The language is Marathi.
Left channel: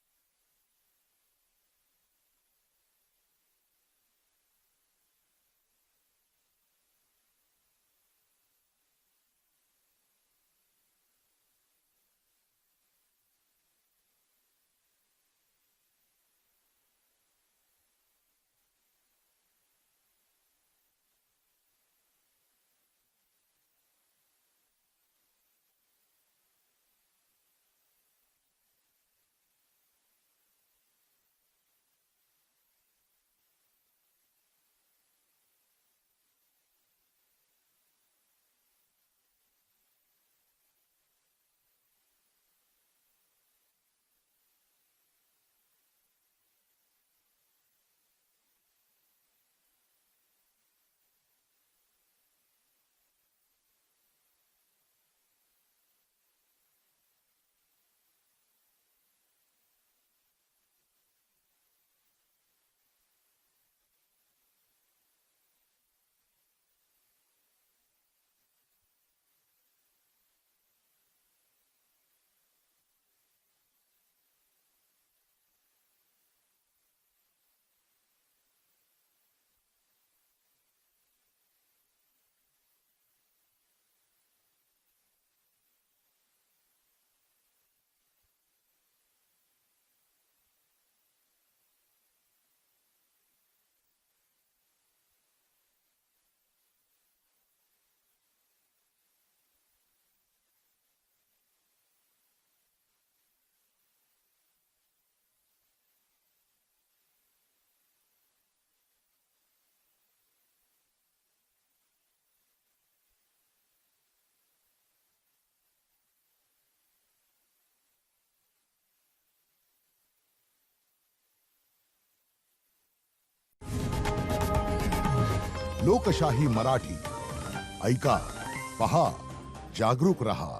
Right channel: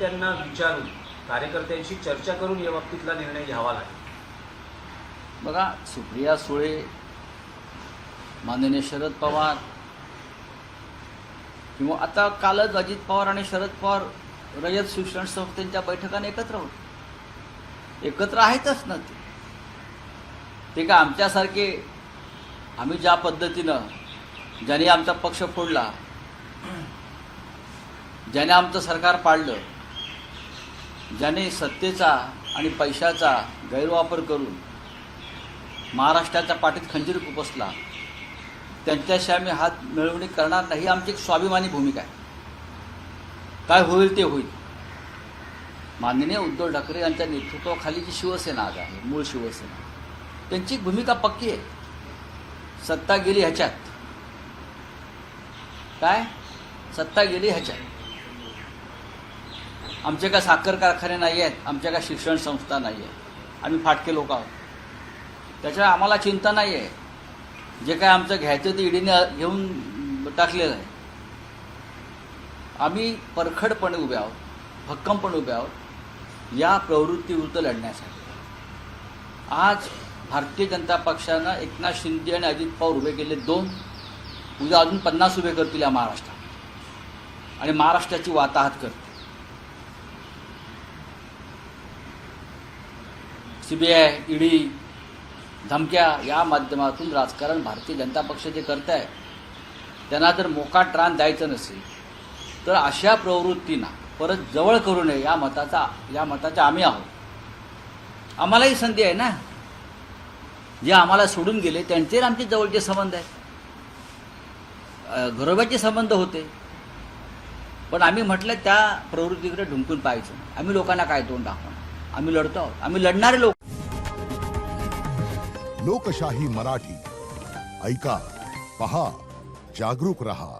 कार्यकर्त्यांना विचारून कार्यकर्त्यांशी चर्चा करून या बाबतीतला निर्णय घ्यावा लागेल. बघा, सुप्रिया सुळे, माननीय शरद पवार किंवा आता कालच अजित पवार आणि शरद पवार रयत शिक्षण संस्थेच्या बैठकाने एकत्र होते. एकत्र आहेतच ना ते का आमच्यासारखे, आम्ही ज्या पद्धतीनं ज्याने आमचा पक्ष फोडला, ज्याने आमचं सरकार पाडलं, ज्याने सत्तेचा आणि पैशाचा गैरवापर करून महाराष्ट्राच्या पाठीत खंजीर खुपसला, त्यांच्याशी आम्ही हात मिळवणी करणार नाही. ही आमची एक स्वाभिमानी भूमिका आहे. काय होईल ते होईल. माननीय उद्धव ठाकरे यांच्या नेतृत्वाखाली जी शिवसेना आज आहे, मूळ शिवसेना, त्यांची भूमिका पक्की आहे. सत्ता गेली ह्याच्यात, काय सत्ता गेली ह्याच्यात. आमचे काय साखर कारखाने नाही आहेत, आमच्या काय शिक्षण संस्था नाही आहेत, आम्ही फाटके लोक आहोत. त्याच्यामुळे आम्हाला चिंता नाही आहे. जे काय आमचं घ्यायचं ते ईडीने घेऊन टाकलेलं आहे. आम्ही परखडपणे उभे आहोत, भक्कमपणे उभे आहोत या प्रवृत्तीविरुद्ध लढण्यासाठी. आज भारतीय जनता पक्षानं एकनाथ शिंदे आणि अजित पवार उभे केले 2, उद्या अजून 50 उभे करतील या महाराष्ट्रात आणि महाराष्ट्राची वाताहत करतील. CBI, ईडी, धमक्या या माध्यमातून राजकारण भारतीय जनता पक्ष जे करत आहे, त्यांना जर मोकाट रान द्यायचं नसेल तर अशा प्रवृत्तींना परत जवळ करू नये या मताचा आम्ही आहोत. आम्हालाही संधी आहे ना. जे आम्हाला सोडून गेले त्यांचे आमचे जवळचे संबंध आहेत, घरोब्याचे संबंध होते. पण आम्ही म्हटलं त्या प्रवृत्तीकडे ढुंकून पाहायचं. आम्ही लोकांना काय तोंड दाखवणार. आम्ही लढतो आहोत, आम्ही लढणारे लोक. लोकशाही मराठी ऐका, पहा, जागरूक रहा.